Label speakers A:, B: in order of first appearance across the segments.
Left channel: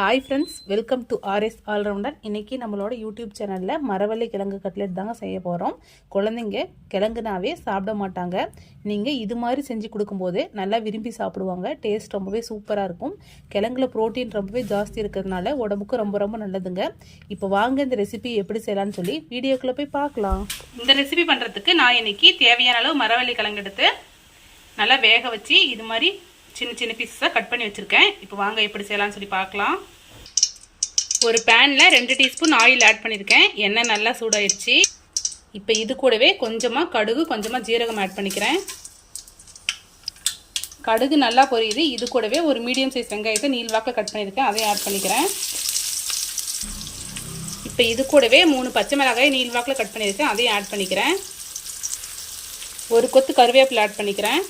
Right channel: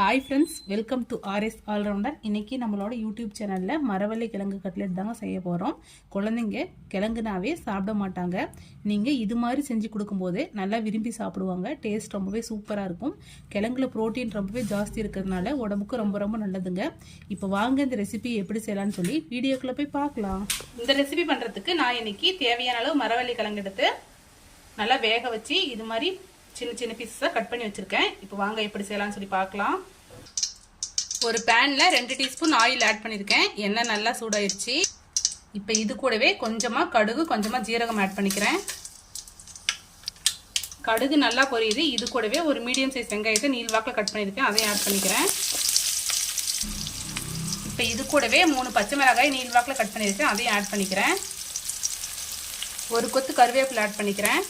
A: Hi friends welcome to RS allrounder இன்றைக்கி நம்மளோட YouTube சேனலில் மரவள்ளி கிழங்கு கட்லெட் தாங்க செய்ய போகிறோம் குழந்தைங்க கிழங்குனாவே சாப்பிட மாட்டாங்க. நீங்கள் இது மாதிரி செஞ்சு கொடுக்கும்போது நல்லா விரும்பி சாப்பிடுவாங்க. டேஸ்ட் ரொம்பவே சூப்பராக இருக்கும். கிழங்குல ப்ரோட்டீன் ரொம்பவே ஜாஸ்தி இருக்கிறதுனால உடம்புக்கு ரொம்ப ரொம்ப நல்லதுங்க. இப்போ வாங்க இந்த ரெசிபி எப்படி செய்யலாம்னு சொல்லி வீடியோக்குள்ளே போய் பார்க்கலாம். இந்த ரெசிபி பண்ணுறதுக்கு நான் இன்றைக்கி தேவையான அளவு மரவள்ளி கிழங்கு எடுத்து நல்லா வேக வச்சு இது மாதிரி சின்ன சின்ன பீஸஸாக கட் பண்ணி வச்சுருக்கேன். இப்போ வாங்க எப்படி செய்யலாம்னு சொல்லி பார்க்கலாம். ஒரு பேனில் ரெண்டு டீஸ்பூன் ஆயில் ஆட் பண்ணியிருக்கேன் எண்ணெய் நல்லா சூடாயிருச்சு. இப்போ இது கூடவே கொஞ்சமாக கடுகு கொஞ்சமாக ஜீரகம் ஆட் பண்ணிக்கிறேன். கடுகு நல்லா பொரியுது. இது கூடவே ஒரு மீடியம் சைஸ் வெங்காயத்தை நீள்வாக்கில் கட் பண்ணியிருக்கேன் அதையும் ஆட் பண்ணிக்கிறேன். இப்போ இது கூடவே மூணு பச்சை மிளகாய் நீள்வாக்கில் கட் பண்ணியிருக்கேன். அதையும் ஆட் பண்ணிக்கிறேன். ஒரு கொத்து கருவேப்பிலை ஆட் பண்ணிக்கிறேன்.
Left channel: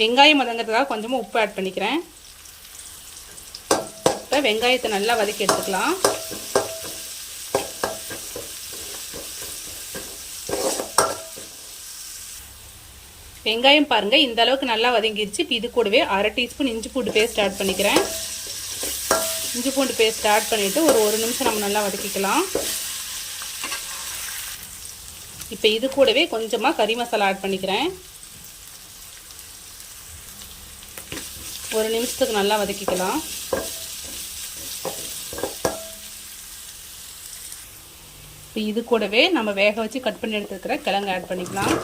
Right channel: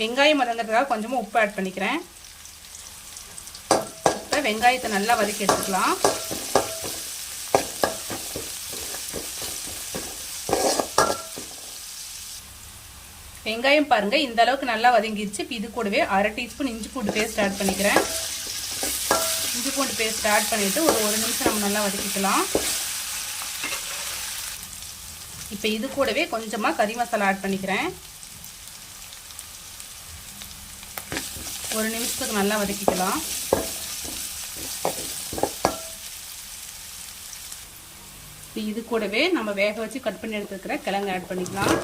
A: வெங்காயம் மதங்கிறதுக்காக கொஞ்சமாக உப்பு ஆட் பண்ணிக்கிறேன். இப்போ வெங்காயத்தை நல்லா வதக்கி எடுத்துக்கலாம். வெங்காயம் பாருங்கள் இந்த அளவுக்கு நல்லா வதங்கிருச்சு. இப்போ இது கூடவே அரை டீஸ்பூன் இஞ்சி பூண்டு பேஸ்ட் ஆட் பண்ணிக்கிறேன். இஞ்சி பூண்டு பேஸ்ட் ஆட் பண்ணிவிட்டு ஒரு ஒரு நிமிஷம் நம்ம நல்லா வதக்கிக்கலாம். இப்போ இது கூடவே கொஞ்சமாக கறி மசாலா ஆட் பண்ணிக்கிறேன். ஒரு நிமிஷத்துக்கு நல்லா வதக்கிக்கலாம். இப்போ இது கூடவே நம்ம வேக வச்சு கட் பண்ணி எடுத்துருக்கிற கிழங்கு ஆட் பண்ணிக்கலாம்.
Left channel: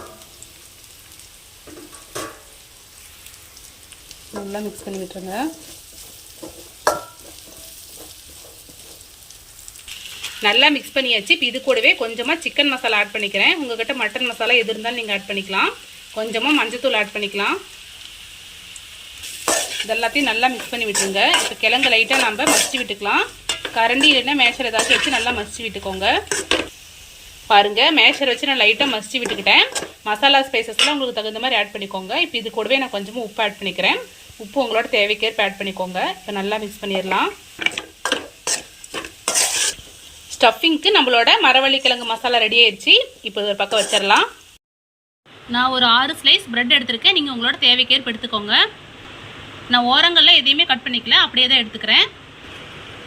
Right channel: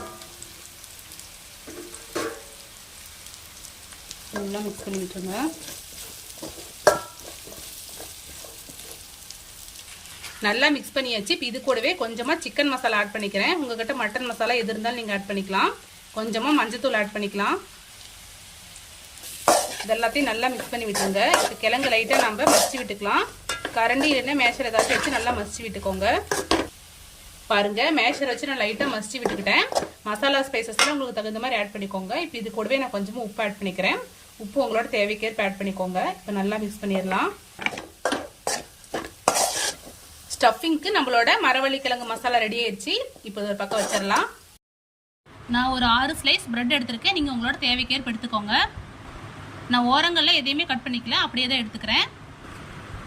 A: நல்லா மிக்ஸ் பண்ணி விட்டுருங்க. நல்லா மிக்ஸ் பண்ணியாச்சு. இப்போ இது கூடவே கொஞ்சமாக சிக்கன் மசாலா ஆட் பண்ணிக்கிறேன். உங்கள்கிட்ட மட்டன் மசாலா எது இருந்தாலும் நீங்கள் ஆட் பண்ணிக்கலாம். கொஞ்சமாக மஞ்சத்தூள் ஆட் பண்ணிக்கலாம். இதெல்லாத்தையும் நல்லா மிக்ஸ் பண்ணி விட்டுருங்க. இப்போ கிழங்கு லைட்டாக நம்ம மசிச்சு விட்டுக்கலாம். கரண்டி இல்லைன்னா மேஷர் ஏதாச்சும் வச்சு நல்லா மசிச்சு விட்டுக்கோங்க. பாருங்கள் மேஷர் வச்சு நான் லைட்டாக மசிச்சு விட்டுக்கிட்டேன். மசாலா ஸ்பைசஸ்லாம் உங்களுக்கு தகுந்த மாதிரி ஆட் பண்ணிக்கோங்க. இப்போ இது கூடவே நான் கொஞ்சமாக உப்பு ஆட் பண்ணிக்கிறேன். உப்பு உங்களோட தேவைக்கேற்ப ஆட் பண்ணிக்கோங்க. இப்போ நல்லா மிக்ஸ் பண்ணிடலாம். ஸ்டஃபிங்க்கு நம்மளோட மரவள்ளி கிழங்கு மசாலா ரெடி ஆயிடுச்சு. இப்போ ஒரு பக்கம் வச்சிடலாம். நான் ஒரு ஆறு ஸ்லைஸ் பிரெட் எடுத்திருக்கேன். நீங்கள் உங்களோட தேவைக்கேற்ப எடுத்துக்கோங்க. நான் ஓரங்களில் எதையுமே கட் பண்ணிக்கல அப்படியே தான் எடுத்துக்கிறேன்.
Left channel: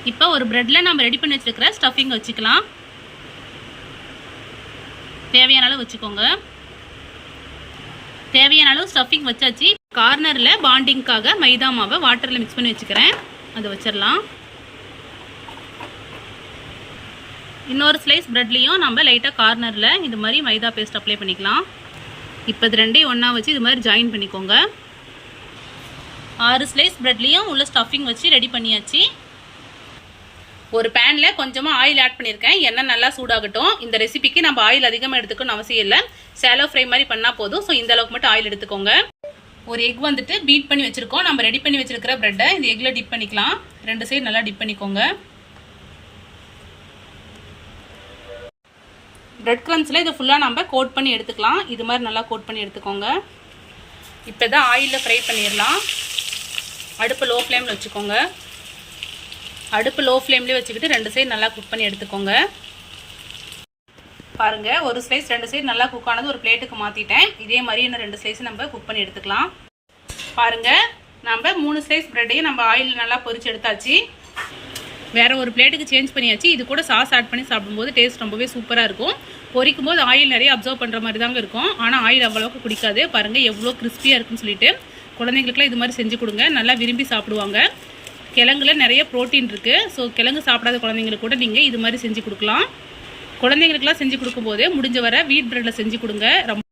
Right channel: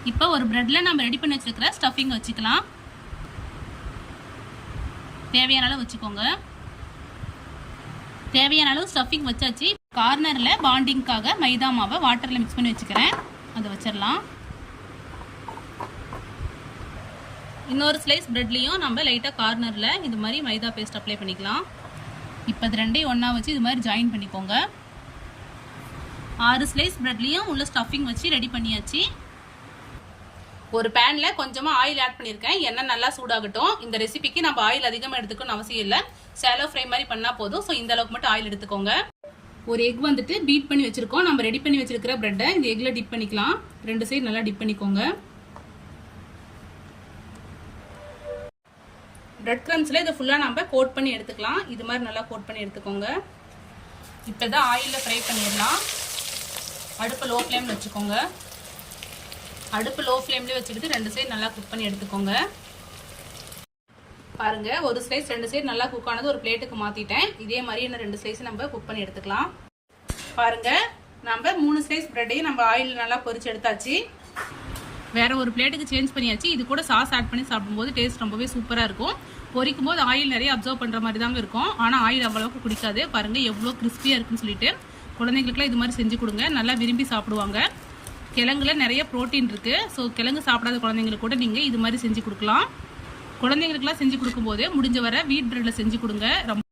A: இப்போ ஒரு ப்ரெட்டில் நம்ம ரெடி பண்ணி வச்சுருக்கிற ஸ்டஃபிங் வச்சுக்கலாம். தேவையான அளவு வச்சுக்கோங்க. தேவையான அளவு ஸ்டஃபிங் வச்சாச்சு. கார்னரில் பாண்டிங்க்காக மைதா மாவை வாட்டரில் மிக்ஸ் பண்ணி வச்சுக்கிறேன். அது வச்சிடலாம். இன்னொரு ஸ்லைஸ் ப்ரெட்லேயும் நம்ம லைட்டாக கார்னரில் இது மாதிரி மைதா பேஸ்ட் அப்ளை பண்ணிக்கலாம். இப்போ இது ரெண்டையும் ஒன்றா வச்சு இது மாதிரி ஜாயின் பண்ணிக்கோங்க. ஆறு ஸ்லைஸ் ப்ரெட்லேயும் உள்ள ஸ்டஃபிங் வச்சு ரெடி பண்ணியாச்சு. ஒரு பேனில் கொஞ்சமாக ஆயில் ஆட் பண்ணியிருக்கேன். எண்ணெய் நல்லா சூடாகட்டும். இந்த ரெசிபிக்கு நம்ம ஆயில் அதிகமாக எடுத்துக்கணும்னு அவசியம் இல்லை. சேலோ ஃப்ரை மாதிரி பண்ணால் போதும். ஸோ இந்த அளவுக்கு மட்டும் ஆயில் எடுத்துக்கோங்க. ஒரு எக் வந்துட்டு பீட் பண்ணி வச்சுருக்கோம். நம்ம ரெடி பண்ணி வச்சுருக்கிற ப்ரெட்டை இந்த எக்கில் டிப் பண்ணிக்கலாம். ரெண்டு சைடு நல்லா டிப் பண்ணிக்கோங்க. பிரெட் க்ரம்ஸில் இதை ஃபுல்லாக நம்ம கோட் பண்ணி எடுத்துக்கலாம். இது மாதிரி நல்லா கோட் பண்ணி எடுத்துக்கோங்க. இப்போ தான் ஆயிலில் ஃப்ரை பண்ணிடலாம். அடுப்பு லோ ஃப்ளேமில் வச்சுக்கோங்க. அடுப்பு லோ ஃப்ளேம்லேயே வச்சுக்கிட்டு ரெண்டு சைடு நல்லா குக் பண்ணி எடுத்துக்கோங்க. பாருங்கள் ஒரு ஸ்லைஸ் ரெண்டு சைடு நல்லா குக் ஆனது ஒரு பிளேட்டுக்கு மாற்றிட்டேன் இதே மாதிரி இன்னும் ரெண்டு ஸ்லைஸ் நம்ம குக் பண்ணி எடுத்துக்கலாம். பாருங்கள் நம்ம மூணு ஸ்லைஸ் ப்ரெட்டையும் நம்ம ஆயிலில் நல்லா பொரிச்சு எடுத்தாச்சு. வேற ஒரு பிளேட்டுக்கு சேஞ்ச் பண்ணியாச்சு. இது கூட சாஸ் ஆட் பண்ணி சாப்பிடும்போது டேஸ்ட் ரொம்பவே சூப்பராக இருக்கும். பொரிக்கும் போது ஆயில் நிறைய அப்சர்வ் பண்ணுற மாதிரி தாங்க இருக்கும். ஆனால் ஆயில் அவ்வளோக்கு குடிக்காது. பாருங்கள் எவ்வளோ கிறிஸ்பியாக இருக்குன்னு சொல்லிட்டு. குழந்தைங்களுக்குலாம் இது மாதிரி செஞ்சு கொடுங்க. நல்லா விரும்பி சாப்பிடுவாங்க. கிழங்குல நிறைய ப்ரோட்டீன் இருக்குது ஸோ கிழங்கு சாப்பிடாத குழந்தைங்களுக்கு கூட நீங்கள் இது மாதிரி செஞ்சு கொடுக்கலாம். குழந்தைங்களுக்குலாம் செஞ்சு கொடுக்கும்போது முடிஞ்ச வர வீட் பிரெட்டில் செஞ்சு கொடுங்க. ரொம்ப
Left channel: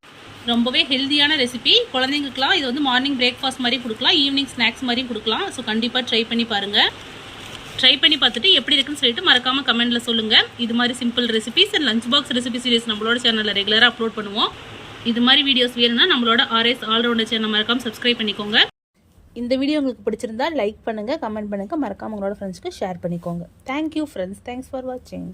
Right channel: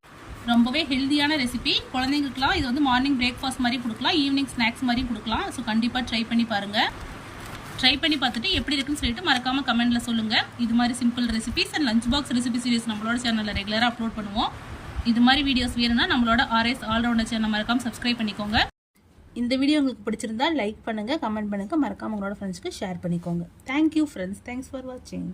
A: ரொம்பவே ஹெல்த்தியான ரெசிபி குழந்தைங்களுக்குலாம் இது வந்து மார்னிங் பிரேக்ஃபாஸ்ட் மாதிரி கொடுக்கலாம். ஈவினிங் ஸ்நாக்ஸ் மாதிரியும் கொடுக்கலாம். ஸோ கண்டிப்பாக ட்ரை பண்ணி பாருங்கள் ட்ரை பண்ணி பார்த்துட்டு எப்படி இருக்குன்னு சொல்லிட்டு மறக்காமல் கமெண்ட்டில் சொல்லுங்கள் இது மாதிரி simple recipes and lunch box recipe series நம்மளோட சேனலில் ரெகுலராக அப்லோட் பண்ணுவோம். இது மாதிரி வீடியோஸ் வேணும்னா நம்மளோட ஆர்எஸ் ஆல்ரவுண்டர் சேனல் மறக்காம சப்ஸ்கிரைப் பண்ணிக்கோங்க. இந்த வீடியோ உங்களுக்கு பிடிச்சிருந்தா லைக் பண்ணுங்கள் கமெண்ட் பண்ணுங்கள் மறக்காம உங்களோட ஃப்ரெண்ட்ஸ்க்கு ஷேர் பண்ணிக்கோங்க. தேங்க்யூ ஃப்ரெண்ட்ஸ் தேங்க்ஸ் ஃபார் வாட்சிங்